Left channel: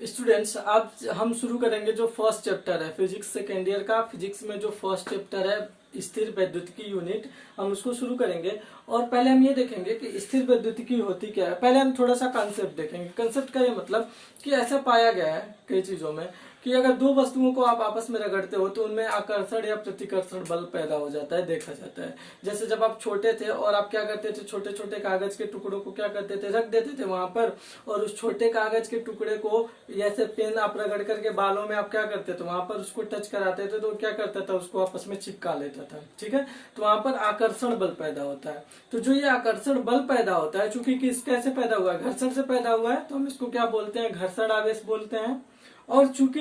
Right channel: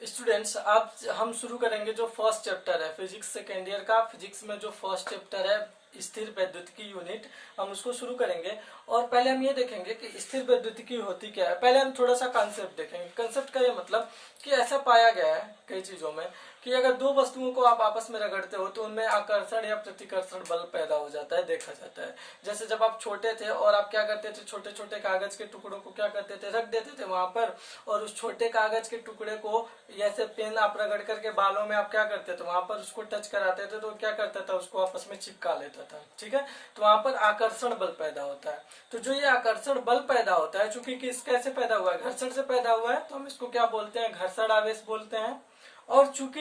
Students, अब हम शुरू करेंगे जो फर्स्ट चैप्टर है फिजिक्स सेकेंड ईयर का। फिजिक्स में जो फर्स्ट चैप्टर है स्थिर वैद्युतिकी यूनिट, हम उसको शुरू करेंगे। और पहले हम ये देखेंगे कि स्थिर वैद्युतिकी होती क्या है। पहले हम थोड़ा सा कंसेप्ट देखेंगे। कंसेप्ट का ये मतलब कि ऐसा पाया गया है कई चीजों में कि अगर दो वस्तुओं को आप आपस में रगड़ते हो तो उनमें आकर्षण या प्रतिकर्षण बल पैदा हो जाता है, देखा जाता है। जैसे जब आप छोटे थे और आप क्या करते थे, छोटे छोटे कागज के टुकड़ों को क्या करते थे, रख देते थे वहां पर, और उस छोटे कागज के टुकड़े को जैसे पेन आप रगड़ करके बालों में आप क्या करते थे, वहां पर उसको टच कराते थे तो क्या करता था, उसको आपस में चिपका लेता था। ठीक है, तो वहां पर आकर्षण बल पैदा होता है। तो जो ये आकर्षण बल पैदा होता है, चूंकि किस कैसे पैदा हुआ है, घर्षण से पैदा हुआ है, तो हम इसको क्या बोलते हैं, घर्षण आवेश बोलते हैं। और चूंकि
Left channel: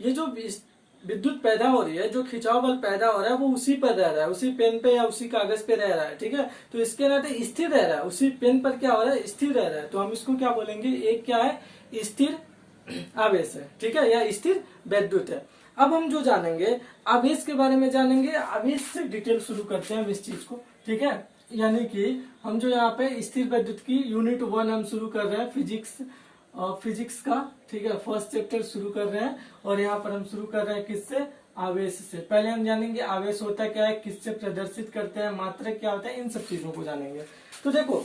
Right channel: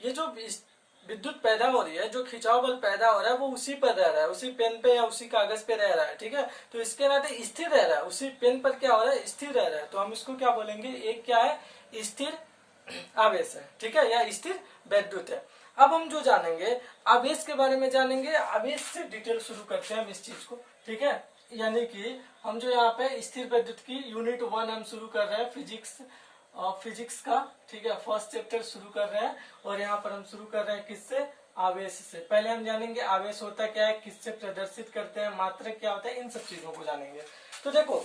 ये जो विद्युत पैदा हो रही है, जो खिंचाव बल पैदा हो रहा है, वो उसी पर रह रहा है, उसी पेन पे या उसी कागज पे रह रहा है। ठीक है, तो इसके नाते स्थिर रह रहा है, उसी पेन पर क्या हो रहा है, स्थिर रह रहा है। तो हम इसको क्या बोलेंगे, एक क्या है, स्थिर आवेश है। ठीक है, या स्थिर वैद्युत है। अब हम जो जानेंगे आवेश के बारे में जानेंगे। आवेश से डिटेल शुरू करते हैं हम इस चीज को। ठीक है, यानी कि हम जो यहाँ पे स्थिर वैद्युत की यूनिट 1 हम शुरू कर रहे हैं फिजिक्स का। ठीक है, फर्स्ट चैप्टर शुरू कर रहे हैं और यहाँ पर हम शुरू कर रहे हैं किससे, आवेश से। पहले हम जानेंगे आवेश होता क्या है, किससे प्रदर्शित करते हैं, मात्रक क्या होता है, इन सब चीजों को जानेंगे। तो देखो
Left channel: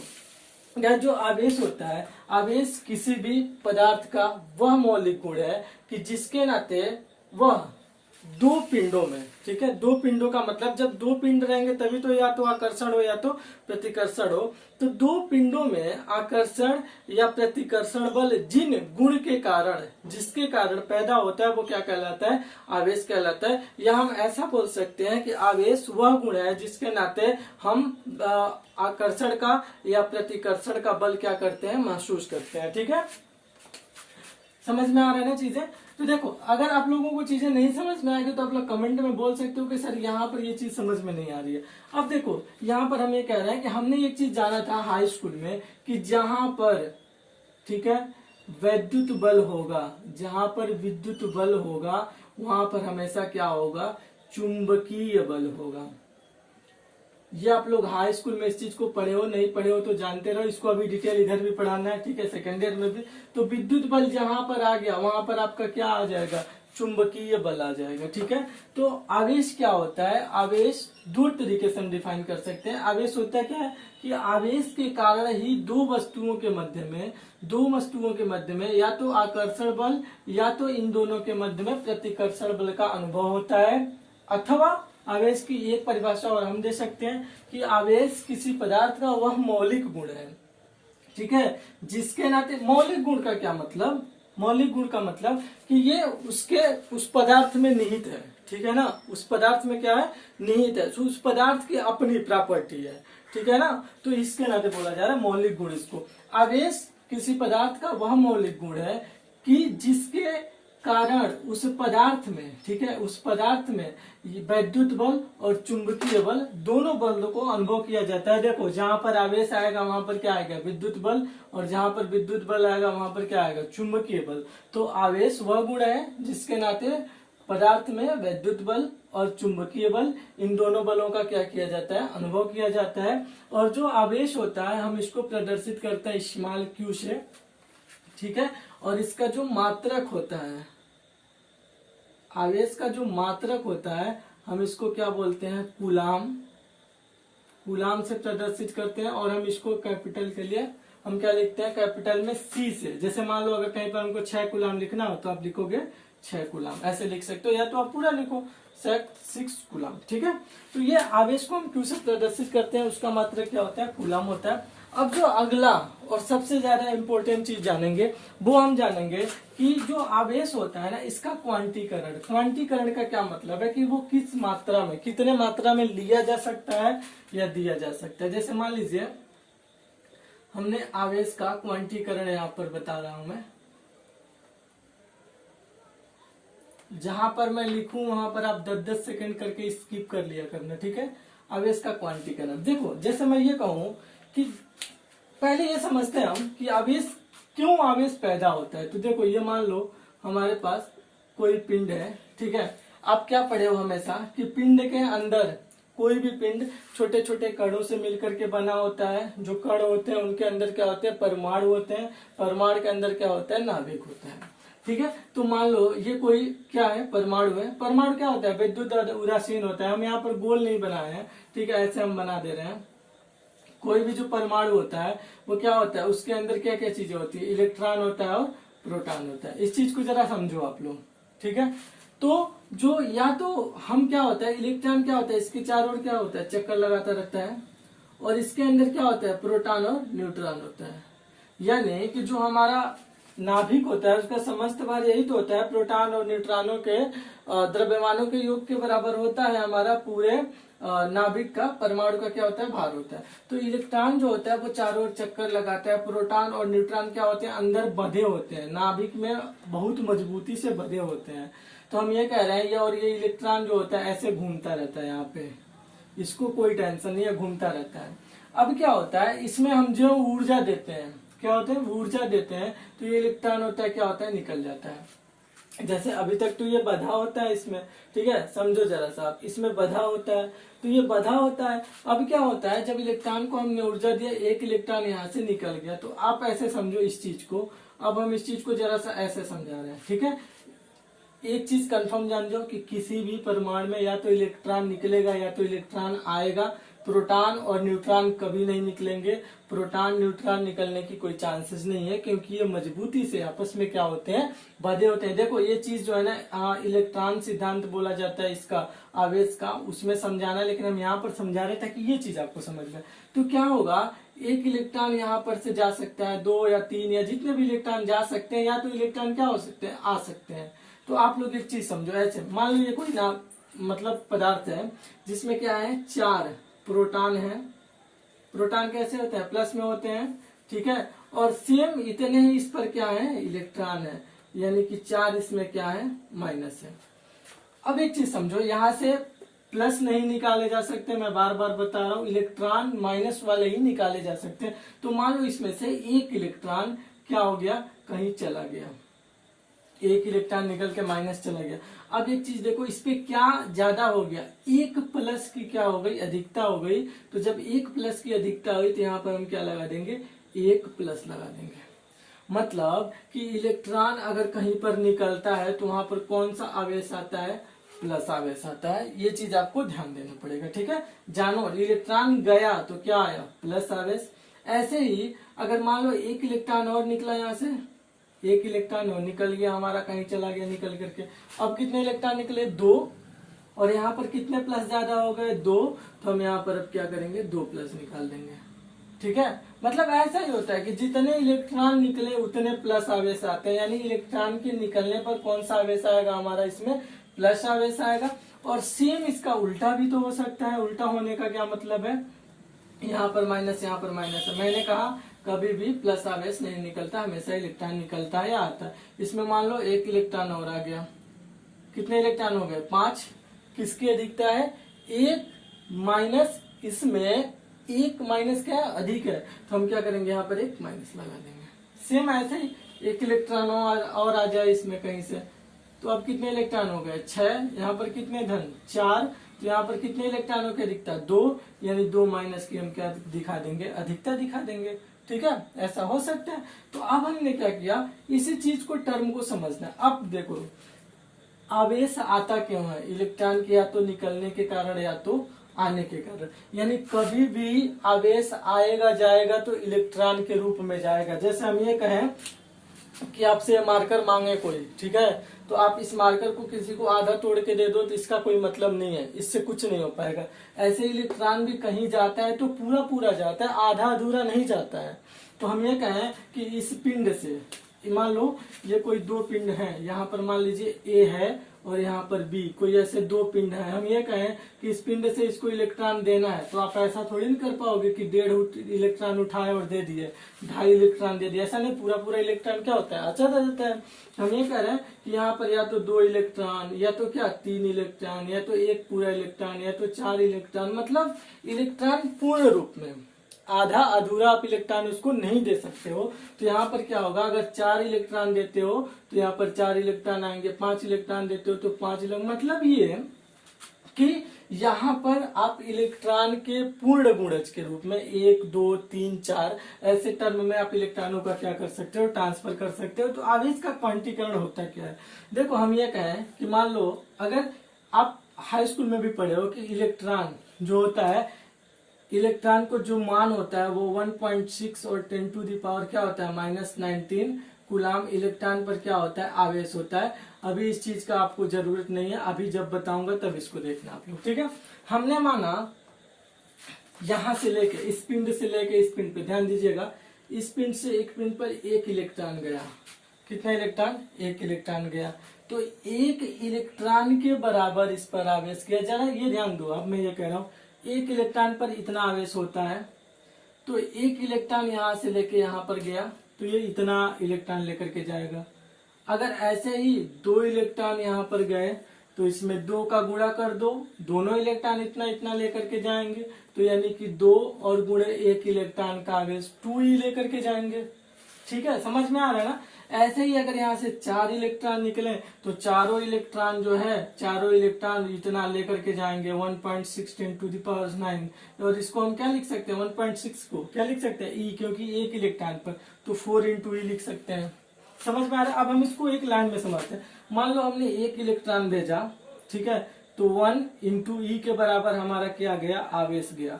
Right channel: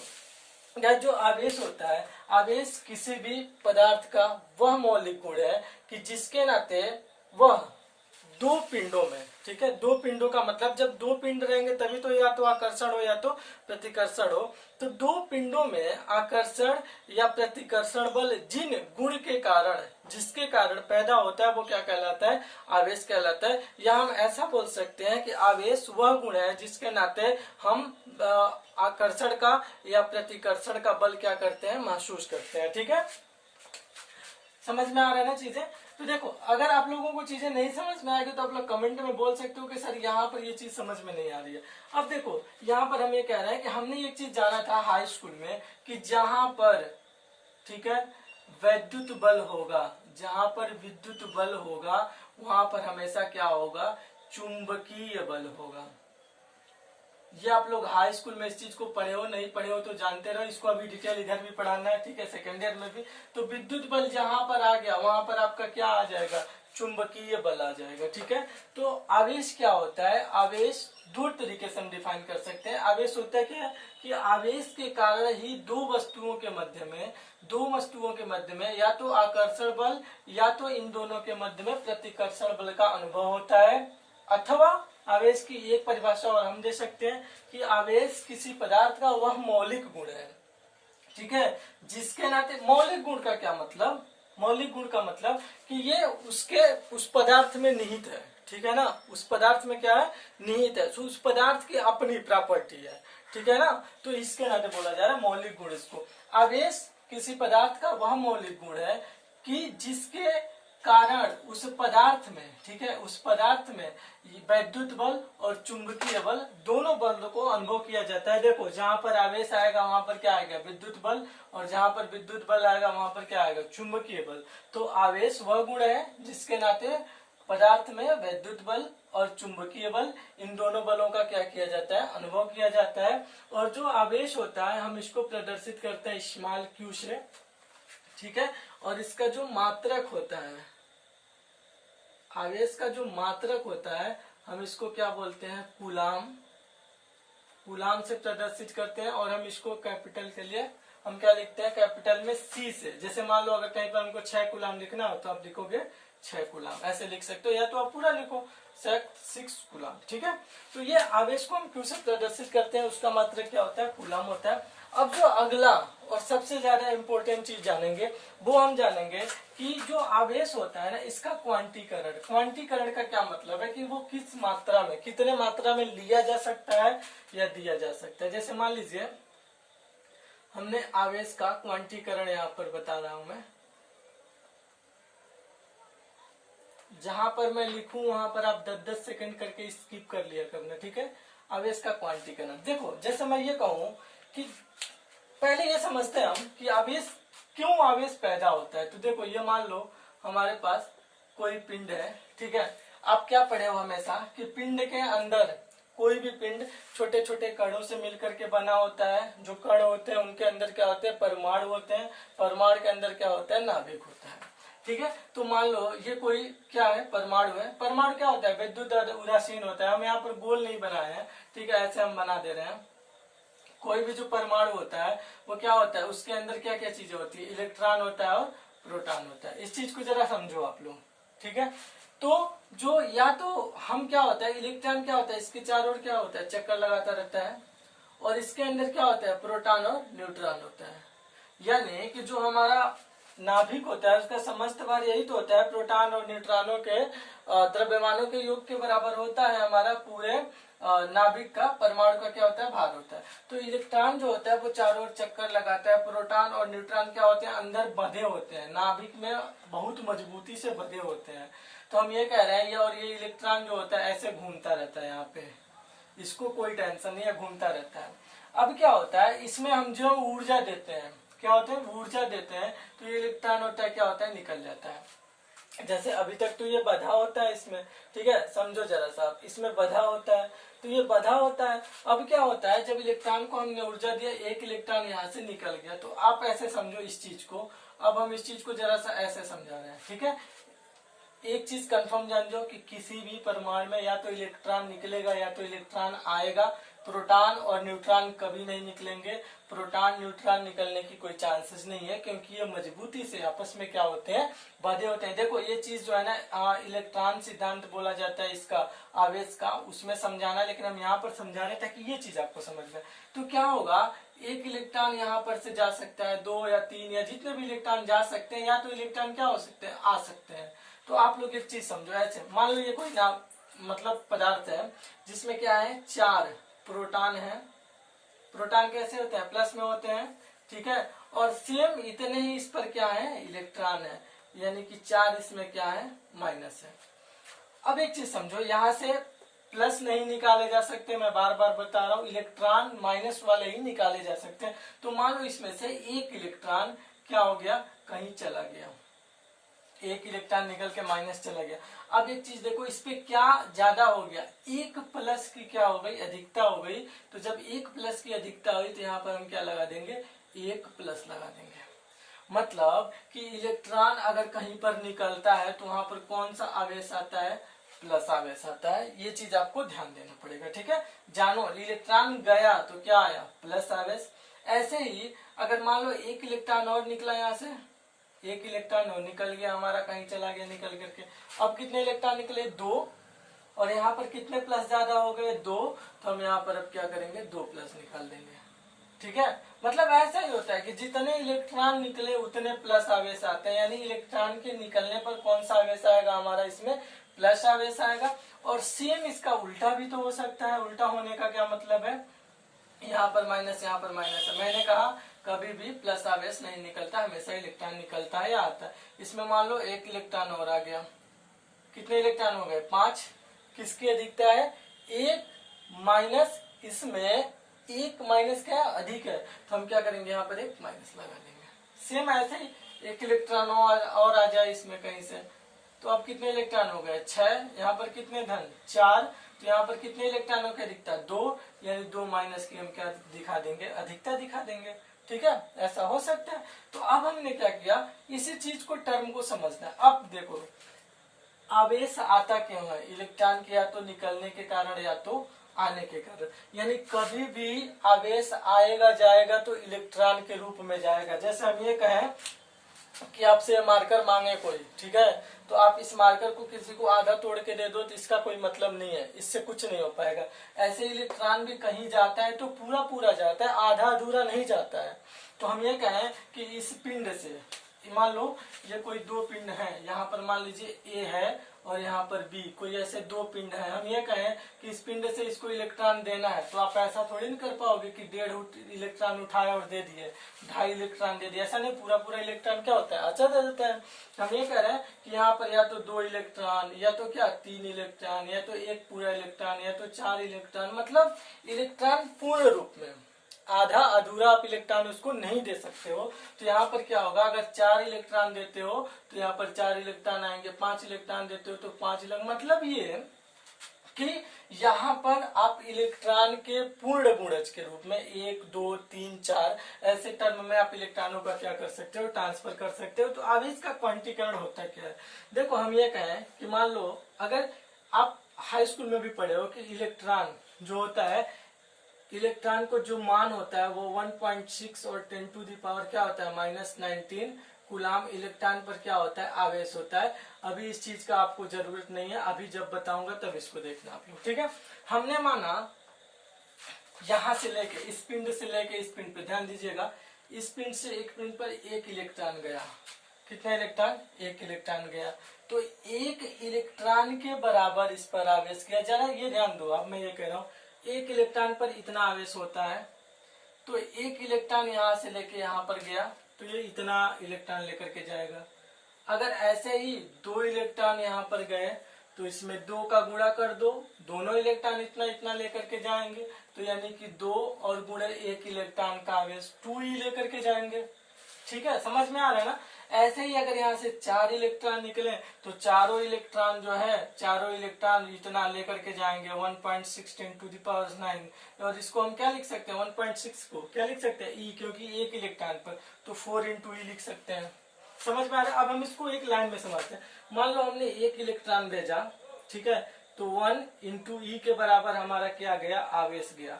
यार, जो आवेश होता है, आवेश किसी भी पदार्थ का वह मौलिक गुण है कि जिसके नाते वह दो पिंडों में, ठीक है, दो पिंडों का मतलब जब दो पिंड रहेंगे तभी तो या तो आकर्षण हो या तो प्रतिकर्षण हो। तो दो पिंडों में आकर्षण या प्रतिकर्षण बल जिन गुण के कारण, जिसके कारण पैदा होता है, वो क्या कहलाता है, आवेश कहलाता है। या हम ऐसा बोल सकते हैं कि आवेश वह गुण है जिसके नाते हम आकर्षण का या प्रतिकर्षण का बल क्या करते हैं, महसूस करते हैं। ठीक है, समझ में आ रहा है ना चीजें। तो देखो, अगर आप लोगों को चीजें नहीं समझ में आएगी तो आप लोग कमेंट में बोल सकते हो कि सर यहाँ पर ये चीज समझ में नहीं आ रही है। अब देखो, यहाँ पर हम ये कह रहे हैं कि हमने एक चीज जाना था हाई स्कूल में कि जहां पर, ठीक है, वैद्युत बल होगा, जहां पर विद्युत बल होगा वहां पर हमेशा क्या होगा, चुंबकीय बल होगा। ये आप लोग हाई स्कूल में इस चीज को पढ़े हो, नहीं पढ़े हो तो जानते रहो, इसको अभी डिटेल इधर भी पढ़ाना है। ठीक है, सेकेंड ईयर में भी। तो विद्युत बल जहां पर आ गया वहां पर आपका क्या आ जाएगा, चुंबकीय बल आ जाएगा। ठीक है, तो आवेश क्या होता है, आवेश दो तरीके से हम डिफाइन कर सकते हैं। आवेश होता है क्या है कि आवेश के कारण ही दो वस्तुओं के मध्य में या तो आकर्षण बल या तो इन दोनों के मध्य में प्रतिकर्षण बल का अनुभव होता है। अथवा आवेश की एक परिभाषा और हम दे सकते हैं कि आवेश किसी पदार्थ का वह मौलिक गुण है, ठीक है, जिसके नाते, मौलिक गुण का क्या मतलब, मौलिक गुण का मतलब कि ये उसके उस पदार्थ में निहित है। ठीक है ना, उस पदार्थ में क्या है, निहित है, तो उस पदार्थ की अपनी प्रॉपर्टी है। ठीक है ना, तो इसके नाते बोला जा रहा है मौलिक गुण इसको। आवेश किसी पदार्थ का वह मौलिक गुण है कि जिसके कारण उस पदार्थ में, ठीक है, उस पदार्थ में वैद्युत बल और चुंबकीय बल दोनों बलों को अनुभव किया जाता है। देखो, जहां पर आवेश आएगा वहां पर क्या आएगा, विद्युत बल, और जहां पर विद्युत बल आएगा वहां पर क्या आएगा, चुंबकीय बल। तो आवेश वह गुण है जिसके नाते पदार्थ में वैद्युत बल और चुंबकीय बल, इन दोनों बलों का क्या किया जाता है, अनुभव किया जाता है। और जो आवेश होता है हम इसको प्रदर्शित करते हैं स्मॉल क्यू से। ठीक है, और इसका जो मात्रक होता है, आवेश का जो मात्रक होता है हम इसको क्या बोलते हैं, कूलाम। कूलाम से प्रदर्शित करते हैं। और हम इसको कैपिटल के लिए हम क्या लिखते हैं, कैपिटल में सी से। जैसे मान लो अगर कहीं पर हमको 6 कूलाम लिखना हो तो आप लिखोगे 6 कूलाम, ऐसे लिख सकते हो, या तो आप पूरा लिखो 6 कूलाम। ठीक है, तो ये आवेश को हम क्यू से प्रदर्शित करते हैं, उसका मात्रक क्या होता है, कूलाम होता है। अब जो अगला और सबसे ज्यादा इंपॉर्टेंट चीज जानेंगे वो हम जानेंगे कि जो आवेश होता है ना, इसका क्वांटीकरण। क्वांटीकरण का क्या मतलब है कि वो किस मात्रा में, कितने मात्रा में लिया जा सकता है या दिया जा सकता है। जैसे मान लीजिए हमने आवेश का क्वांटीकरण यहाँ पर बता रहा हूं मैं, जहां पर मैं लिखूं वहां पर आप 10-10 सेकंड करके स्किप कर लिया करना। ठीक है, आवेश का क्वांटीकरण देखो, जैसे मैं ये कहूं कि पहले ये समझते हैं हम कि आवेश, क्यों आवेश पैदा होता है। तो देखो, ये मान लो हमारे पास कोई पिंड है। ठीक है, आप क्या पढ़े हो हमेशा कि पिंड के अंदर, कोई भी पिंड छोटे छोटे कणों से मिलकर के बना होता है। जो कण होते हैं उनके अंदर क्या होते हैं, परमाणु होते हैं। परमाणु के अंदर क्या होता है, नाभिक होता है। ठीक है। तो मान लो ये कोई क्या है, परमाणु है। परमाणु क्या होता है, विद्युत उदासीन होता है। हम यहाँ पर गोल नहीं बनाए हैं, ठीक है, ऐसे हम बना दे रहे हैं। कोई भी जो परमाणु होता है वो क्या होता है, उसके अंदर क्या क्या चीजें होती है, इलेक्ट्रॉन होता है और प्रोटॉन होता है। इस चीज को जरा समझो आप लोग, ठीक है। तो जो या तो हम क्या होता है, इलेक्ट्रॉन क्या होता है, इसके चारों ओर क्या होता है, चक्कर लगाता रहता है, और इसके अंदर क्या होता है, प्रोटॉन और न्यूट्रॉन होता है। यानी कि जो हमारा नाभिक होता है उसका समस्त भार यही तो होता है, प्रोटॉन और न्यूट्रॉनों के द्रव्यमानों के योग के बराबर होता है हमारा पूरे नाभिक का, परमाणु का क्या होता है, भार होता है। तो इलेक्ट्रॉन जो होता है वो चारों ओर चक्कर लगाता है, प्रोटॉन और न्यूट्रॉन क्या होते हैं, अंदर बंधे होते हैं, नाभिक में बहुत मजबूती से बंधे होते हैं। तो हम ये कह रहे हैं, ये और ये इलेक्ट्रॉन जो होता है ऐसे घूमता रहता है यहाँ पे, इसको कोई टेंशन नहीं है, घूमता रहता है। अब क्या होता है, इसमें हम जो ऊर्जा देते हैं, क्या होते हैं, ऊर्जा देते हैं, तो ये इलेक्ट्रॉन होता है क्या होता है, निकल जाता है। जैसे अभी तक तो ये बधा होता है इसमें, ठीक है, समझो जरा सा आप, इसमें बधा होता है, तो ये बधा होता है। अब क्या होता है, जब इलेक्ट्रॉन को हमने ऊर्जा दिया, एक इलेक्ट्रॉन यहाँ से निकल गया, तो आप ऐसे समझो इस चीज को। अब हम इस चीज को जरा सा ऐसे समझा रहे हैं, ठीक है। एक चीज कंफर्म जान जाओ कि किसी भी परमाणु में या तो इलेक्ट्रॉन निकलेगा या तो इलेक्ट्रॉन आएगा, प्रोटॉन और न्यूट्रॉन कभी नहीं निकलेंगे। प्रोटॉन न्यूट्रॉन निकलने की कोई चांसेस नहीं है, क्योंकि ये मजबूती से आपस में क्या होते हैं, बंधे होते हैं। देखो ये चीज जो है ना, इलेक्ट्रॉन सिद्धांत बोला जाता है इसका, आवेश का, उसमें समझाना, लेकिन हम यहाँ पर समझा रहे थे कि ये चीज आपको समझ में। तो क्या होगा, एक इलेक्ट्रॉन यहाँ पर से जा सकता है, 2 या 3 या जितने भी इलेक्ट्रॉन जा सकते हैं, या तो इलेक्ट्रॉन क्या हो सकते हैं, आ सकते हैं। तो आप लोग एक चीज समझो, ऐसे मान लो ये कोई ना मतलब पदार्थ है जिसमें क्या है, 4 प्रोटॉन है। प्रोटॉन कैसे होते हैं, प्लस में होते हैं, ठीक है, और सेम इतने ही इस पर क्या है, इलेक्ट्रॉन है, यानी कि 4 इसमें क्या है, माइनस है। अब एक चीज समझो, यहाँ से प्लस नहीं निकाले जा सकते, मैं बार बार बता रहा हूँ, इलेक्ट्रॉन माइनस वाले ही निकाले जा सकते हैं। तो मान लो इसमें से एक इलेक्ट्रॉन क्या हो गया, कहीं चला गया, एक इलेक्ट्रॉन निकल के माइनस चला गया। अब एक चीज देखो, इस पे क्या ज्यादा हो गया, एक प्लस की क्या हो गई, अधिकता हो गई। तो जब एक प्लस की अधिकता हुई तो यहाँ पर हम क्या लगा देंगे, एक प्लस लगा देंगे। मतलब कि इलेक्ट्रॉन अगर कहीं पर निकलता है तो वहां पर कौन सा आवेश आता है, प्लस आवेश आता है। ये चीज आपको ध्यान देना पड़ेगा, ठीक है। जानो, इलेक्ट्रॉन गया तो क्या आया, प्लस आवेश। ऐसे ही अगर मान लो एक इलेक्ट्रॉन और निकला, यहाँ से एक इलेक्ट्रॉन और निकल गया हमारा, कहीं चला गया निकल करके। अब कितने इलेक्ट्रॉन निकले, 2, और यहाँ पर कितने प्लस ज्यादा हो गए, 2। तो हम यहाँ पर अब क्या करेंगे, 2 प्लस निकाल देंगे, ठीक है। मतलब ऐसा ही होता है कि जितने इलेक्ट्रॉन निकले उतने प्लस आवेश आते हैं, यानी इलेक्ट्रॉन के निकलने पर कौन सा आवेश आएगा हमारा, इसमें प्लस आवेश आएगा। और सेम इसका उल्टा भी तो हो सकता है। उल्टा होने का क्या मतलब है, यहाँ पर माइनस, यहाँ पर माइनस है। मैंने कहा कभी भी प्लस आवेश नहीं निकलता, हमेशा इलेक्ट्रॉन निकलता है या आता है। इसमें मान लो एक इलेक्ट्रॉन और आ गया, कितने इलेक्ट्रॉन हो गए, 5। किसकी अधिकता है, 1 माइनस, इसमें 1 माइनस क्या है, अधिक है, तो हम क्या करेंगे, यहाँ पर 1 माइनस लगा देंगे। सेम ऐसे ही एक इलेक्ट्रॉन और आ जाए इसमें कहीं से, तो अब कितने इलेक्ट्रॉन हो गए, 6। यहाँ पर कितने धन, 4। तो यहाँ पर कितने इलेक्ट्रॉनों की अधिकता, 2, यानी 2 माइनस की हम क्या दिखा देंगे, अधिकता दिखा देंगे, ठीक है। ऐसा हो सकता है। तो अब हमने क्या किया, इसी चीज को, टर्म को समझना है। अब देखो, आवेश आता क्यों है, इलेक्ट्रॉन के या तो निकलने के कारण या तो आने के कारण। यानी कभी भी आवेश आएगा जाएगा तो इलेक्ट्रॉन के रूप में जाएगा। जैसे हम ये कहें कि आपसे मार्कर मांगे कोई, ठीक है, तो आप इस मार्कर को किसी को आधा तोड़ के दे दो तो इसका कोई मतलब नहीं है, इससे कुछ नहीं हो पाएगा। ऐसे इलेक्ट्रॉन भी कहीं जाता है तो पूरा पूरा जाता है, आधा अधूरा नहीं जाता है। तो हम ये कहें कि इस पिंड से, मान लो ये कोई 2 पिंड हैं, यहाँ पर मान लीजिए ए है और यहाँ पर बी, कोई ऐसे 2 पिंड हैं। हम ये कहें कि इस पिंड से इसको इलेक्ट्रॉन देना है, तो आप ऐसा थोड़ी नहीं कर पाओगे कि 1.5 इलेक्ट्रॉन उठाए और दे दिए, 2.5 इलेक्ट्रॉन दे दिए, ऐसा नहीं। पूरा पूरा इलेक्ट्रॉन क्या होता है, अच्छा दे देता है। हम ये कह रहे हैं कि यहाँ पर या तो 2 इलेक्ट्रॉन, या तो क्या 3 इलेक्ट्रॉन, या तो 1 पूरा इलेक्ट्रॉन, या तो 4 इलेक्ट्रॉन। मतलब इलेक्ट्रॉन पूर्ण रूप में, आधा अधूरा आप इलेक्ट्रॉन उसको नहीं दे सकते हो। तो यहाँ पर क्या होगा, अगर 4 इलेक्ट्रॉन देते हो तो यहाँ पर 4 इलेक्ट्रॉन आएंगे, 5 इलेक्ट्रॉन देते हो तो 5 इलेक्ट्रॉन। मतलब ये कि यहाँ पर आप इलेक्ट्रॉन के पूर्ण गुणज के रूप में 1 2 3 4 ऐसे टर्म में आप इलेक्ट्रॉनों का क्या कर सकते हो, ट्रांसफर कर सकते हो। तो आवेश का क्वांटीकरण होता क्या है? देखो हम ये कहें कि मान लो अगर आप हाई स्कूल में भी पढ़े हो कि इलेक्ट्रॉन जो होता है, इलेक्ट्रॉन को जो मान होता है वो 1.6 और 10 टू दी पावर क्या होता है -19 कूलाम इलेक्ट्रॉन पर क्या होता है, आवेश होता है। अभी इस चीज का आपको जरूरत नहीं है, अभी जब बताऊंगा तब इसको देखना आप लोग, ठीक है। हमने माना यहां से लेके इस पिंड से लेके इस पिंड पे ध्यान दीजिएगा, इस पिंड से एक पिंड पर एक इलेक्ट्रॉन गया। कितना इलेक्ट्रॉन? एक इलेक्ट्रॉन गया। तो एक इलेक्ट्रॉन के बराबर इस पर आवेश किया जा रहा है। ये ध्यान दो, अब मैं ये कह रहा हूं एक इलेक्ट्रॉन पर इतना आवेश होता है, तो एक इलेक्ट्रॉन यहां से लेके यहां पर गया तो ये इतना इलेक्ट्रॉन लेकर के जाएगा। अगर ऐसे ही दो इलेक्ट्रॉन यहाँ पर गए तो इसमें 2 का गुणा कर दो, दोनों इलेक्ट्रॉन इतना इतना लेकर के जाएंगे, तो यानी कि 2 और गुणे 1 इलेक्ट्रॉन का आवेश 2e लेकर के जाएंगे। ठीक है, समझ में आ रहा है ना। ऐसे ही अगर यहाँ से 4 इलेक्ट्रॉन निकले तो चारों इलेक्ट्रॉन जो है, चारों इलेक्ट्रॉन इतना लेकर के जाएंगे 1.6 10 टू द पावर 9। और इसको हम क्या लिख सकते हैं, 1.6 को क्या लिख सकते हैं, ई, क्योंकि एक इलेक्ट्रॉन पर, तो 4 इंटू ई लिख सकते हैं। समझ में आ रहा है। अब हम इसको एक लाइन में समझते हैं। मान लो हमने एक इलेक्ट्रॉन भेजा, ठीक है, तो 1 इंटू ई के बराबर हमारा क्या गया, आवेश गया।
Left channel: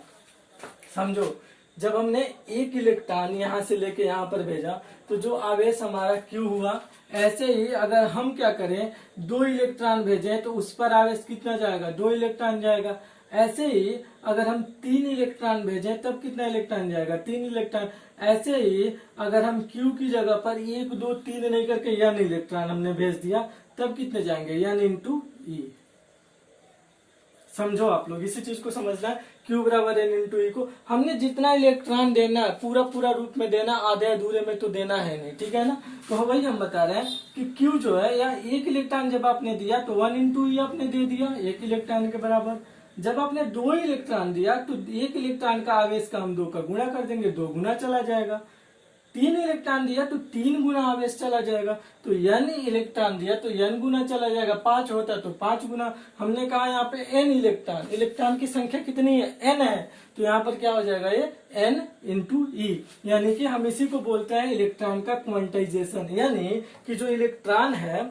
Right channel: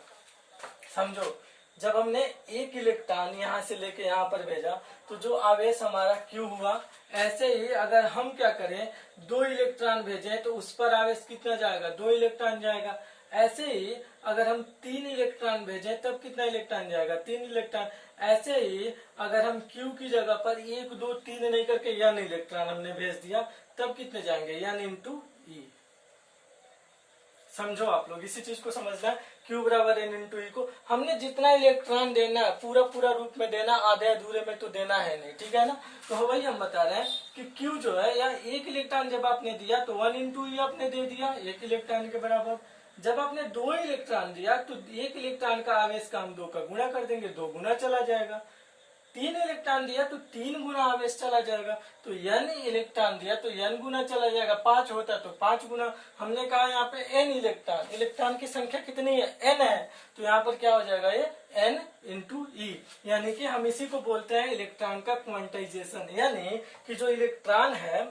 समझो, जब हमने एक इलेक्ट्रॉन यहां से लेके यहां पर भेजा तो जो आवेश हमारा क्यू हुआ। ऐसे ही अगर हम क्या करें, 2 इलेक्ट्रॉन भेजें तो उस पर आवेश कितना जाएगा, 2 इलेक्ट्रॉन जाएगा। ऐसे ही अगर हम 3 इलेक्ट्रॉन भेजें तब कितना इलेक्ट्रॉन जाएगा, 3 इलेक्ट्रॉन। ऐसे ही अगर हम Q की जगह पर 1 2 3 नहीं करके n इलेक्ट्रॉन हमने भेज दिया तब कितने जाएंगे, n इंटू ई। समझो आप लोग, इसी चीज को समझना है। Q बराबर n इंटू ई को हमने जितना इलेक्ट्रॉन देना है पूरा पूरा रूप में देना, आधे अधूरे में तो देना है नहीं, ठीक है ना। तो वही हम बता रहे हैं कि Q जो है, या एक इलेक्ट्रॉन जब आपने दिया तो 1 इंटू ई आपने दे दिया एक इलेक्ट्रॉन के बराबर। जब आपने 2 इलेक्ट्रॉन दिया तो एक इलेक्ट्रॉन का आवेश का हम 2 का गुणा कर देंगे, 2 गुना चला जाएगा। 3 इलेक्ट्रॉन दिया तो 3 गुना आवेश चला जाएगा। तो n इलेक्ट्रॉन दिया तो n गुना चला जाएगा। 5 होता तो 5 गुना। हमने कहा यहाँ पे n इलेक्ट्रॉन, इलेक्ट्रॉन की संख्या कितनी है, n है, तो यहाँ पर क्या हो जाएगा, ये n इंटू ई। यानी कि हम इसी को बोलते हैं इलेक्ट्रॉन का क्वांटाइजेशन। यानी कि जो इलेक्ट्रॉन है,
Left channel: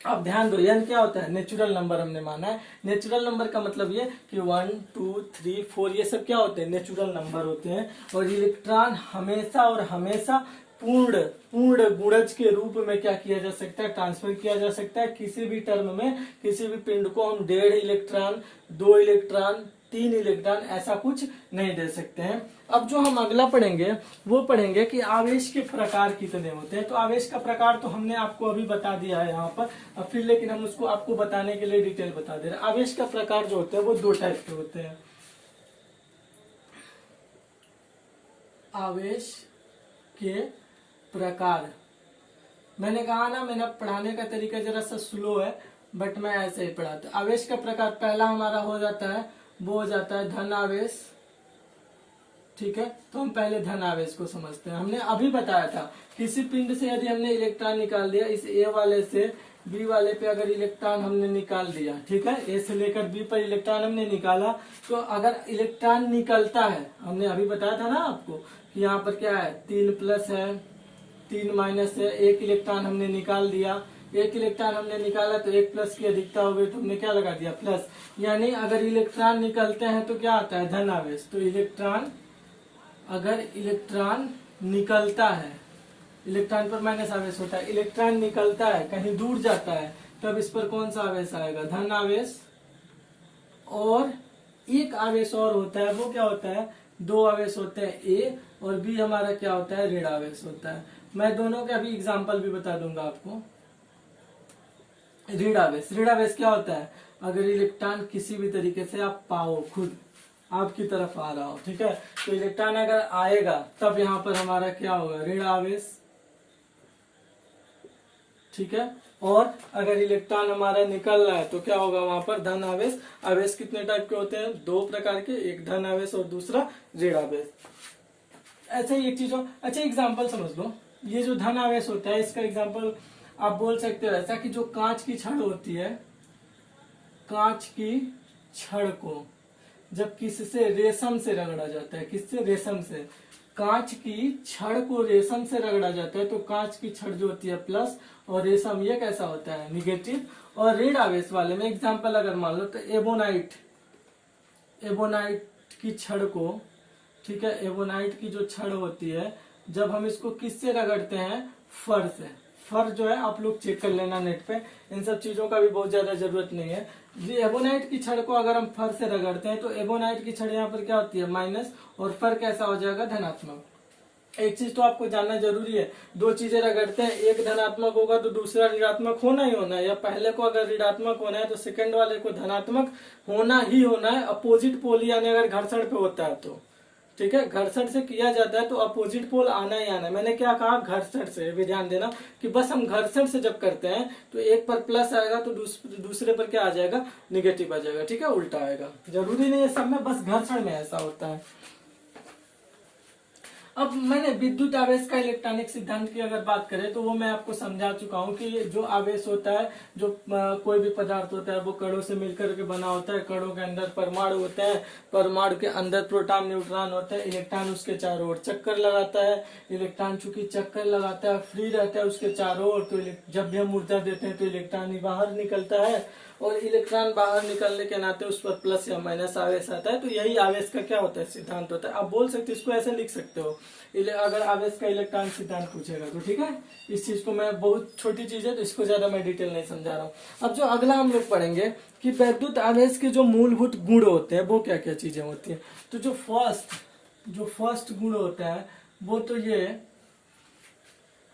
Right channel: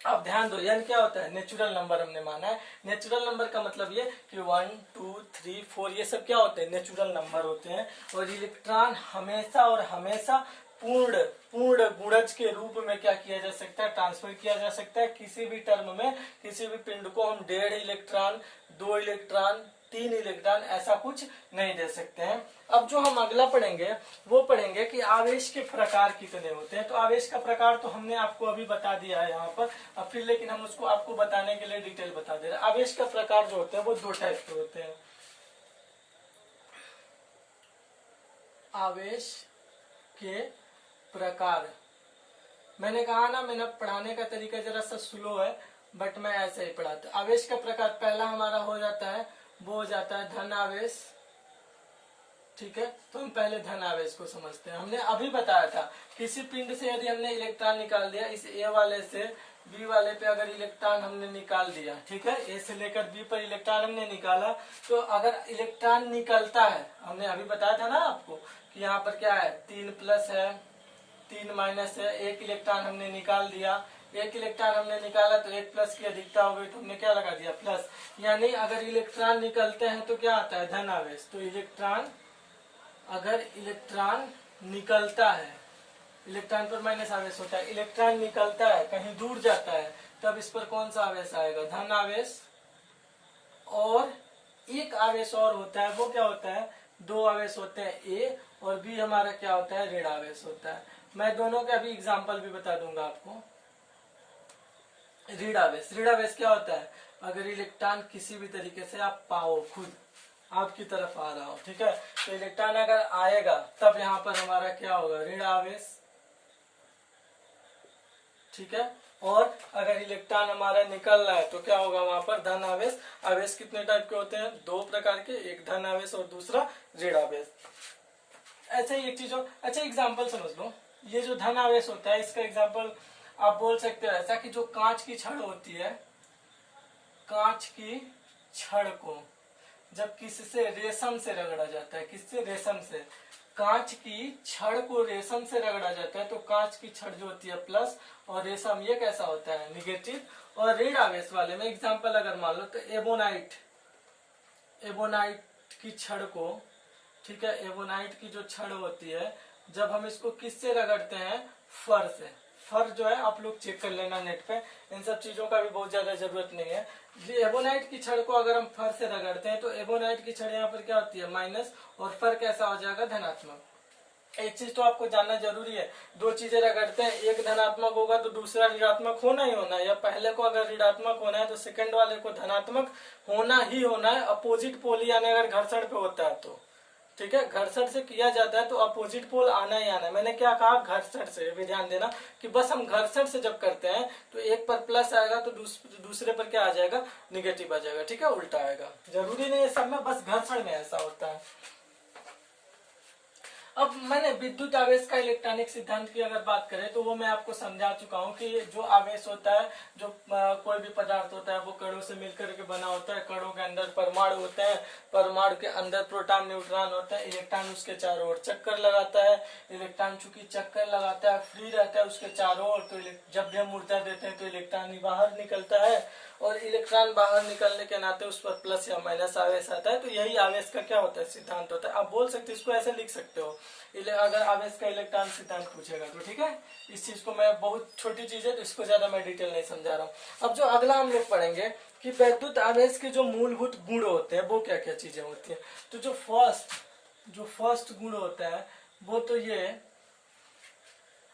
अब ध्यान दो, n क्या होता है, नेचुरल नंबर हमने माना है। नेचुरल नंबर का मतलब ये कि 1 2 3 4 ये सब क्या होते हैं, नेचुरल नंबर होते हैं। और इलेक्ट्रॉन हमेशा और हमेशा पूर्ण गुणज के रूप में क्या किया जा सकता है, ट्रांसफर किया जा सकता है। किसी भी टर्म में किसी भी पिंड को हम 1.5 इलेक्ट्रॉन 2 इलेक्ट्रॉन 3 इलेक्ट्रॉन ऐसा कुछ नहीं दे सकते हैं। अब जो हम अगला पढ़ेंगे वो पढ़ेंगे कि आवेश के प्रकार कितने होते हैं। तो आवेश का प्रकार तो हमने आपको अभी बता दिया है यहाँ पर, अब फिर लेकिन हम उसको आपको बताने के लिए डिटेल बता दे रहे हैं। आवेश का प्रकार जो होते हैं वो 2 टाइप के होते हैं। आवेश के प्रकार, मैंने कहा ना, मैंने पढ़ाने का तरीका जरा सा स्लो है, बट मैं ऐसे ही पढ़ाता। आवेश का प्रकार पहला हमारा हो जाता है, वो हो जाता है धन आवेश। ठीक है, तो हम पहले धन आवेश को समझते हैं। हमने अभी बताया था, किसी पिंड से यदि हमने इलेक्ट्रॉन निकाल दिया, इस ए वाले से बी वाले पे अगर इलेक्ट्रॉन हमने निकाल दिया, ठीक है, ए से लेकर बी पर इलेक्ट्रॉन हमने निकाला, तो अगर इलेक्ट्रॉन निकलता है, हमने अभी बताया था ना आपको कि यहाँ पर क्या है, 3 प्लस है 3 माइनस है, 1 इलेक्ट्रॉन हमने निकाल दिया। 1 इलेक्ट्रॉन हमने निकाला तो 1 प्लस की अधिकता हो गई तो हमने क्या लगा दिया, प्लस। यानी अगर इलेक्ट्रॉन निकलते हैं तो क्या आता है, धन आवेश। तो इलेक्ट्रॉन, अगर इलेक्ट्रॉन निकलता है, इलेक्ट्रॉन पर माइनस आवेश होता है, इलेक्ट्रॉन निकलता है कहीं दूर जाता है, तब इस पर कौन सा आवेश आएगा, धन आवेश। और एक आवेश और होता है, वो क्या होता है, 2 आवेश होते हैं, ए और बी हमारा क्या होता है, ऋण आवेश होता है। मैं दोनों का भी एग्जाम्पल भी बता दूंगा आपको। ऋण आवेश, ऋण आवेश क्या होता है, अगर इलेक्ट्रॉन किसी भी तरीके से आप पाओ, खुद आपकी तरफ आ रहा हो, ठीक है, तो इलेक्ट्रॉन अगर आएगा तब यहाँ पर हमारा क्या होगा, ऋण आवेश। ठीक है, और अगर इलेक्ट्रॉन हमारा निकल रहा है तो क्या होगा, वहां पर धन आवेश। आवेश कितने टाइप के होते हैं, 2 प्रकार के, एक धन आवेश और दूसरा ऋण आवेश। ऐसा ही एक चीज हो, अच्छा एग्जाम्पल समझ लो, ये जो धन आवेश होता है इसका एग्जाम्पल आप बोल सकते हो ऐसा कि जो कांच की छड़ होती है, कांच की छड़ को जब किससे, रेशम से रगड़ा जाता है, किससे, रेशम से, कांच की छड़ को रेशम से रगड़ा जाता है तो कांच की छड़ जो होती है प्लस और रेशम ये कैसा होता है, निगेटिव। और ऋण आवेश वाले में एग्जांपल अगर मान लो तो एबोनाइट, एबोनाइट की छड़ को, ठीक है, एबोनाइट की जो छड़ होती है जब हम इसको किससे रगड़ते हैं, फर से। फर जो है आप लोग चेक कर लेना नेट पे, इन सब चीजों का भी बहुत ज्यादा जरूरत नहीं है। एबोनाइट की छड़ को अगर हम फर से रगड़ते हैं तो एबोनाइट की छड़ यहाँ पर क्या होती है, माइनस, और फर कैसा हो जाएगा, धनात्मक। एक चीज तो आपको जानना जरूरी है, दो चीजें रगड़ते हैं, एक धनात्मक होगा तो दूसरा ऋणात्मक होना ही होना है, या पहले को अगर ऋणात्मक होना है तो सेकंड वाले को धनात्मक होना ही होना है। अपोजिट पोल यानी अगर घर्षण पे होता है तो, ठीक है, घर्षण से किया जाता है तो अपोजिट पोल आना ही आना है। मैंने क्या कहा, घर्षण से, भी ध्यान देना कि बस हम घर्षण से जब करते हैं तो एक पर प्लस आएगा तो दूसरे पर क्या आ जाएगा, निगेटिव आ जाएगा, ठीक है, उल्टा आएगा। जरूरी नहीं है सब में, बस घर्षण में ऐसा होता है। अब मैंने विद्युत आवेश का इलेक्ट्रॉनिक सिद्धांत की अगर बात करें तो वो मैं आपको समझा चुका हूँ कि जो आवेश होता है, जो कोई भी पदार्थ होता है वो कणों से मिलकर के बना होता है। कणों के अंदर परमाणु होते हैं, परमाणु के अंदर प्रोटॉन न्यूट्रॉन होता है, इलेक्ट्रॉन उसके चारों ओर चक्कर लगाता है। इलेक्ट्रॉन चूंकि चक्कर लगाता है, फ्री रहता है उसके चारों ओर, तो जब भी हम ऊर्जा देते हैं तो इलेक्ट्रॉन ही बाहर निकलता है, और इलेक्ट्रॉन बाहर निकलने के नाते उस पर प्लस या माइनस आवेश आता है। तो यही आवेश का क्या होता है, सिद्धांत होता है। आप बोल सकते हो, इसको ऐसे लिख सकते हो अगर आवेश का इलेक्ट्रॉन सिद्धांत पूछेगा तो, ठीक है। इस चीज को मैं, बहुत छोटी चीज है तो इसको ज्यादा मैं डिटेल नहीं समझा रहा हूँ। अब जो अगला हम लोग पढ़ेंगे कि वैद्युत आवेश के जो मूलभूत गुण होते हैं वो क्या क्या चीजें होती है। तो जो फर्स्ट गुण होता है वो तो ये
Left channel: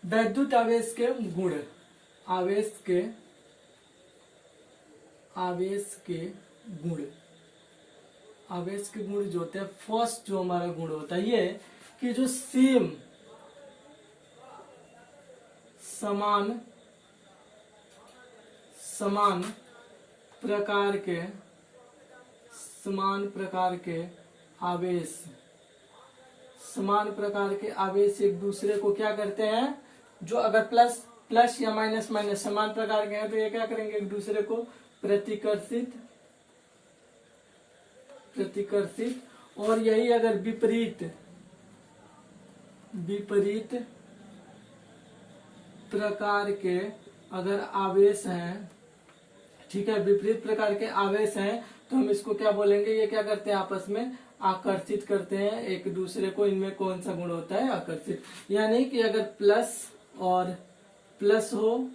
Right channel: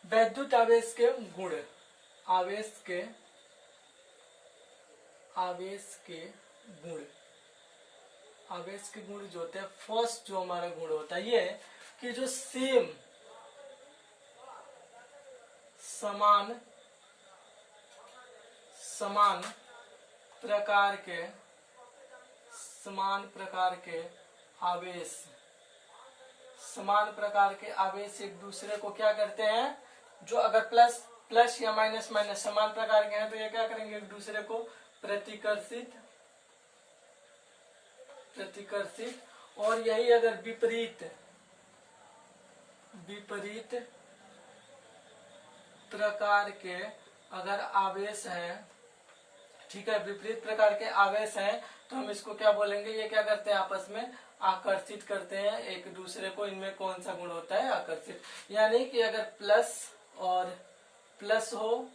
वैद्युत आवेश के गुण, आवेश के गुण जो होते हैं, फर्स्ट जो हमारा गुण होता है ये कि जो समान प्रकार के आवेश एक दूसरे को क्या करते हैं, जो अगर प्लस या माइनस समान प्रकार के हैं तो ये क्या करेंगे, एक दूसरे को प्रतिकर्षित, और यही अगर विपरीत प्रकार के अगर आवेश हैं, ठीक है, विपरीत प्रकार के आवेश हैं तो हम इसको क्या बोलेंगे, ये क्या करते हैं, आपस में आकर्षित करते हैं एक दूसरे को। इनमें कौन सा गुण होता है, आकर्षित। यानी कि अगर प्लस हो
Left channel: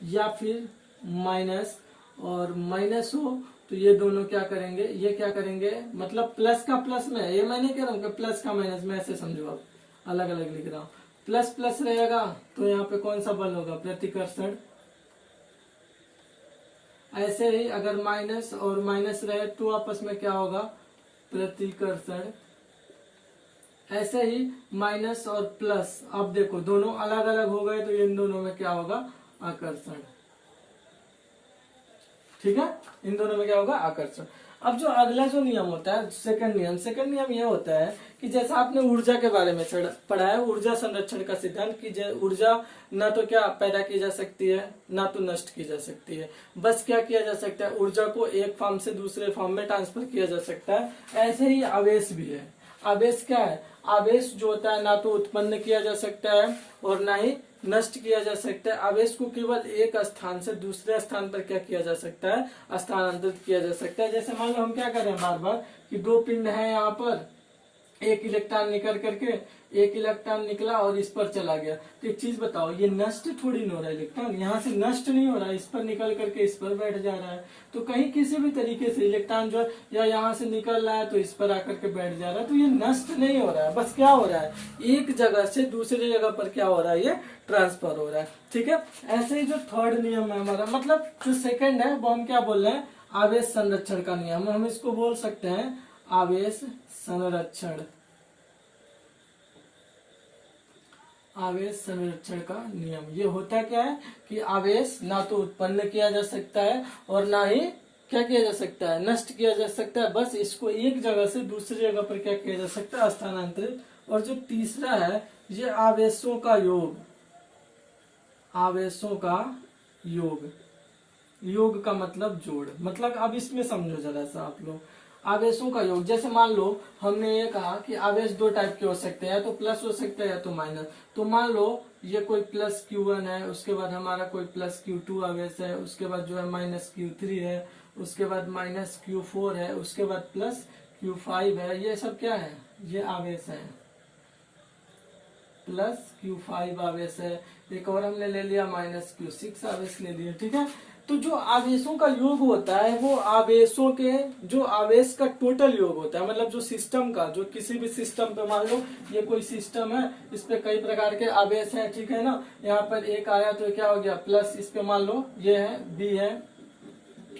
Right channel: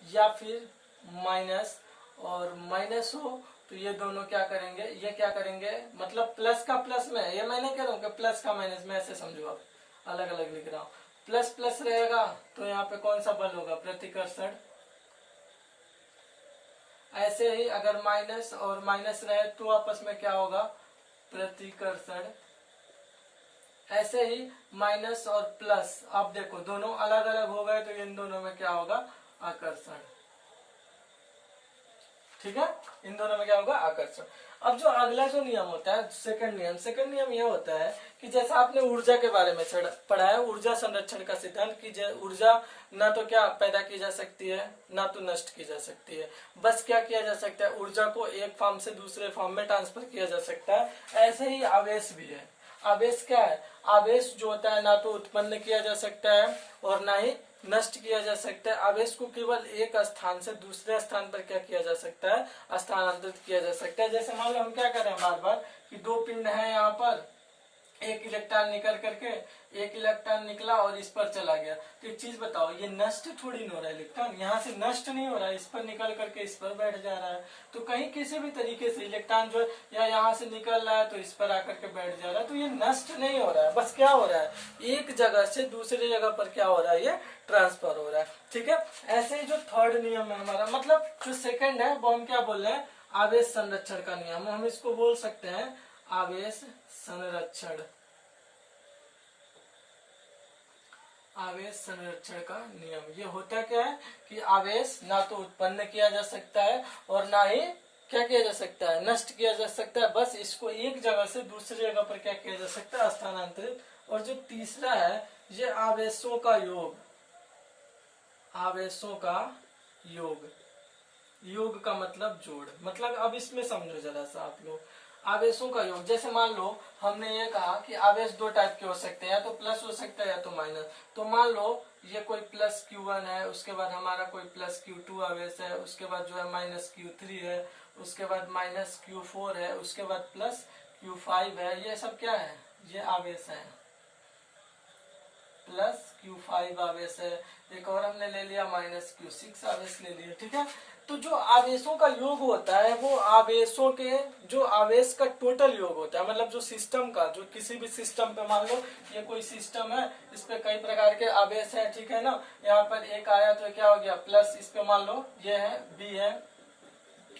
या फिर माइनस और माइनस हो तो ये दोनों क्या करेंगे, ये क्या करेंगे, मतलब प्लस का प्लस में, ये मैं नहीं कह रहा हूँ कि प्लस का माइनस में, ऐसे समझो आप, अलग अलग लिख रहा हूँ। प्लस प्लस रहेगा तो यहाँ पे कौन सा बल होगा, प्रतिकर्षण। ऐसे ही अगर माइनस और माइनस रहे तो आपस में क्या होगा, प्रतिकर्षण। ऐसे ही माइनस और प्लस, अब देखो दोनों अलग अलग हो गए तो इन दोनों में क्या होगा, आकर्षण, ठीक है, इन दोनों में क्या होगा, आकर्षण। अब जो अगला जो नियम होता है, सेकंड नियम ये होता है कि जैसा आपने ऊर्जा के बारे में पढ़ा है, ऊर्जा संरक्षण का सिद्धांत, कि ऊर्जा ना तो क्या पैदा की जा सकती है ना तो नष्ट की जा सकती है, बस क्या किया जा सकता है, ऊर्जा को एक फॉर्म से दूसरे फॉर्म में ट्रांसफर किया जा सकता है। ऐसे ही आवेश भी है। आवेश क्या है, आवेश जो होता है ना तो उत्पन्न किया जा सकता है और ना ही नष्ट किया जा सकता है। आवेश को केवल एक स्थान से दूसरे स्थान पर क्या किया जा सकता है, स्थानांतरित किया जा सकता है। जैसे मान लो हम क्या कर रहे हैं बार बार कि दो पिंड है, यहाँ पर एक इलेक्ट्रॉन निकल करके, एक इलेक्ट्रॉन निकला और इस पर चला गया, तो एक चीज बताओ, ये नष्ट थोड़ी नहीं हो रहा है, इलेक्ट्रॉन यहाँ से नष्ट नहीं हो रहा है, इस पर निकल करके इस पर बैठ जा रहा है। तो कहीं किसी भी तरीके से इलेक्ट्रॉन जो है या यहाँ से निकल रहा है तो इस पर आकर के बैठ जा रहा है, तो ये नष्ट नहीं हो रहा है, बस क्या हो रहा है, एक जगह से दूसरी जगह पर क्या हो रहा है, ये ट्रांसफर हो रहा है, ठीक है। ऐसे ही जो थर्ड नियम है हमारा, मतलब जो सेकंड है वो हम क्या बोल रहे हैं, आवेश संरक्षण का नियम, हम इसको बोल सकते हैं आवेश संरक्षण, आवेश संरक्षण का नियम। ये होता क्या है कि आवेश ना तो उत्पन्न किया जा सकता है और ना ही क्या किया जा सकता है, नष्ट किया जा सकता है, बस इसको एक जगह से दूसरी जगह पर क्या किया जा सकता है, स्थानांतरित। और जो तीसरा है ये आवेशों का योग, आवेशों का योग, योग का मतलब जोड़, मतलब अब इसमें समझो जरा सा आप लोग, आवेशों का योग। जैसे मान लो हमने ये कहा कि आवेश दो टाइप के हो सकते हैं, या तो प्लस हो सकता है या तो माइनस। तो मान लो ये कोई प्लस Q1 है, उसके बाद हमारा कोई प्लस Q2 आवेश है, उसके बाद जो है माइनस Q3 है, उसके बाद माइनस Q4 है, उसके बाद प्लस Q5 है। ये सब क्या है, ये आवेश है, प्लस Q5 आवेश है। एक और हमने ले लिया माइनस Q6 आवेश ले लिया, ठीक है। तो जो आवेशों का योग होता है वो आवेशों के, जो आवेश का टोटल योग होता है, मतलब जो सिस्टम का, जो किसी भी सिस्टम पे मान लो ये कोई सिस्टम है, इस पे कई प्रकार के आवेश हैं, ठीक है ना। यहाँ पर एक आया तो क्या हो गया प्लस, इस पे मान लो ये है बी है,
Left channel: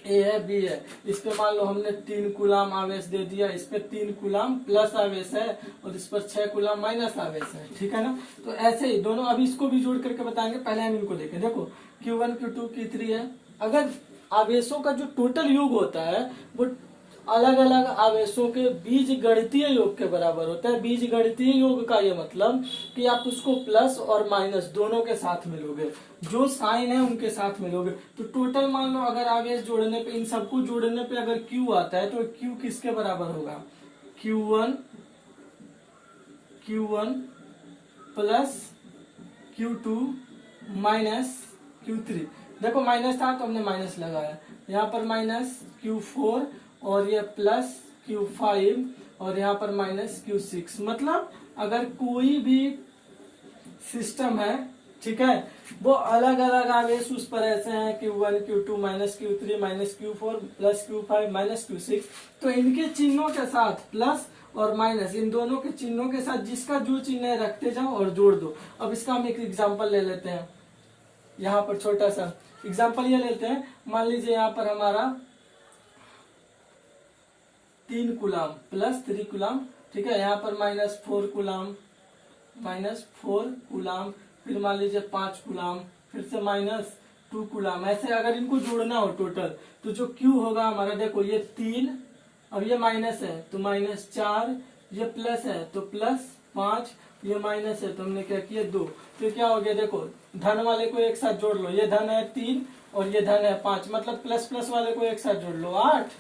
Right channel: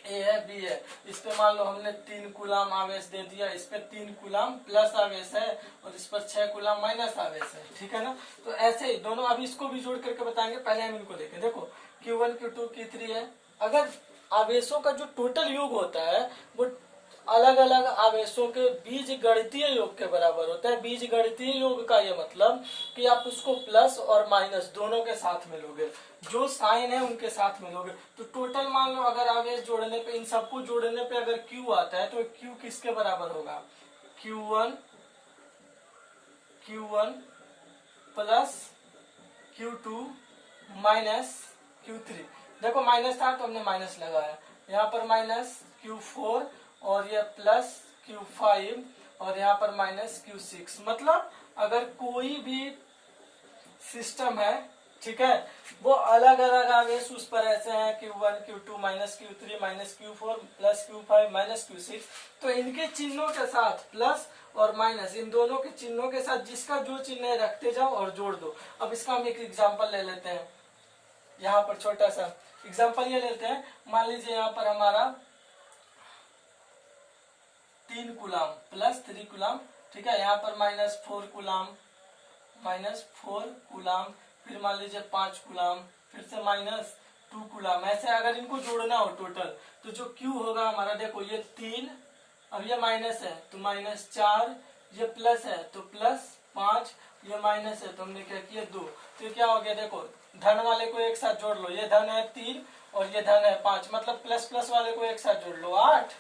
ए है, बी है, इस पे मान लो हमने 3 कूलाम आवेश दे दिया, इस पे 3 कूलाम प्लस आवेश है और इस पर 6 कूलाम माइनस आवेश है, ठीक है ना। तो ऐसे ही दोनों, अभी इसको भी जोड़ करके बताएंगे, पहले हम इनको देखें। देखो Q1 Q2 Q3 है। अगर आवेशों का जो टोटल योग होता है वो अलग अलग आवेशों के बीज गणितीय योग के बराबर होता है। बीज गणितीय योग का ये मतलब कि आप उसको प्लस और माइनस दोनों के साथ मिलोगे, जो साइन है उनके साथ मिलोगे। तो टोटल मान लो अगर आवेश जोड़ने पे, इन सबको जोड़ने पे अगर Q आता है तो Q किसके बराबर होगा, Q1 plus Q2 minus Q3। देखो माइनस था तो हमने माइनस लगाया, यहाँ पर माइनस Q4 और ये प्लस Q5 और यहाँ पर माइनस Q6। मतलब अगर कोई भी सिस्टम है, ठीक है, वो अलग अलग आवेश उस पर ऐसे हैं Q1 Q2 minus Q3 minus Q4 plus Q5 minus Q6, तो इनके चिन्हों के साथ प्लस और माइनस, इन दोनों के चिन्हों के साथ जिसका जो चिन्ह है रखते जाओ और जोड़ दो। अब इसका हम एक एग्जांपल ले लेते हैं, यहाँ पर छोटा सा एग्जांपल ये लेते हैं। मान लीजिए यहाँ पर हमारा 3 कूलाम प्लस 3 कूलाम, ठीक है, यहाँ पर माइनस 4 कूलाम, फिर मान लीजिए 5 कूलाम, फिर से माइनस 2 कूलाम। ऐसे अगर इनको जोड़ना हो टोटल तो जो Q होगा हमारा, देखो ये 3, अब ये माइनस है तो माइनस 4, ये प्लस है तो प्लस 5, ये माइनस है तो हमने क्या किया 2। तो क्या हो गया, देखो धन वाले को एक साथ जोड़ लो, ये धन है 3 और ये धन है 5, मतलब प्लस प्लस वाले को एक साथ जोड़ लो 8,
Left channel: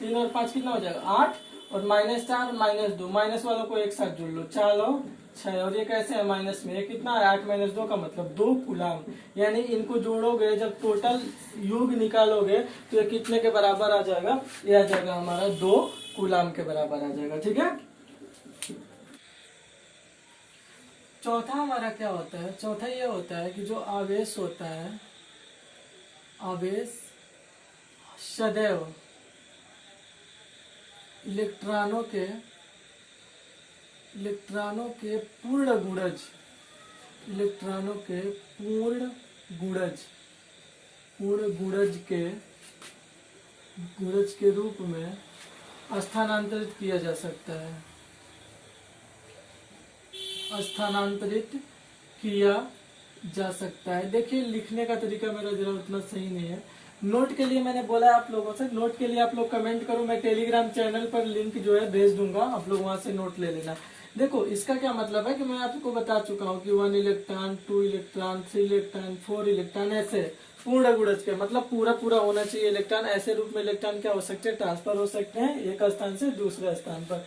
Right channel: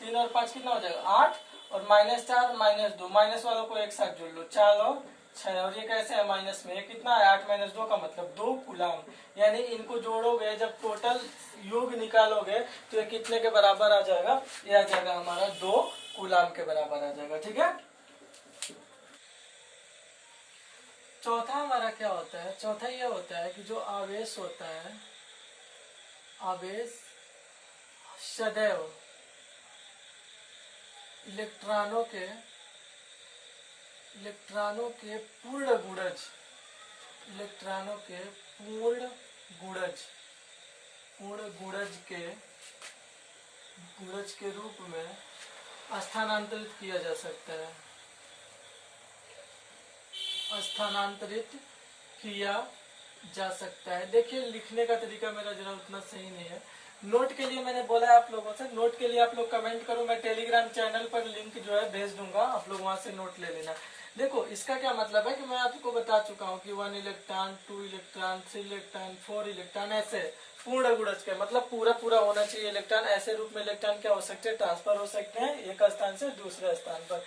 3 और 5 कितना हो जाएगा 8, और माइनस 4 माइनस 2, माइनस वालों को एक साथ जोड़ लो 4 और 6, और ये कैसे है माइनस में, ये कितना है 8 माइनस 2 का मतलब 2 कूलाम। यानी इनको जोड़ोगे जब टोटल योग निकालोगे तो ये कितने के बराबर आ जाएगा, ये आ जाएगा हमारा 2 कूलाम के बराबर आ जाएगा, ठीक है। चौथा हमारा क्या होता है, चौथा ये होता है कि जो आवेश होता है, आवेश सदैव इलेक्ट्रॉनों के पूर्ण गुणज के रूप में स्थानांतरित किया जा सकता है, देखिए लिखने का तरीका मेरा जरा उतना सही नहीं है। नोट के लिए मैंने बोला है आप लोगों से, नोट के लिए आप लोग कमेंट करो, मैं टेलीग्राम चैनल पर लिंक जो है भेज दूंगा, आप लोग वहां से नोट ले लेना। देखो इसका क्या मतलब है कि मैं आपको बता चुका हूँ कि 1 इलेक्ट्रॉन 2 इलेक्ट्रॉन 3 इलेक्ट्रॉन 4 इलेक्ट्रॉन, ऐसे पूर्ण गुणज के मतलब पूरा पूरा होना चाहिए इलेक्ट्रॉन। ऐसे रूप में इलेक्ट्रॉन क्या हो सकते हैं, ट्रांसफर हो सकते हैं एक स्थान से दूसरे स्थान पर।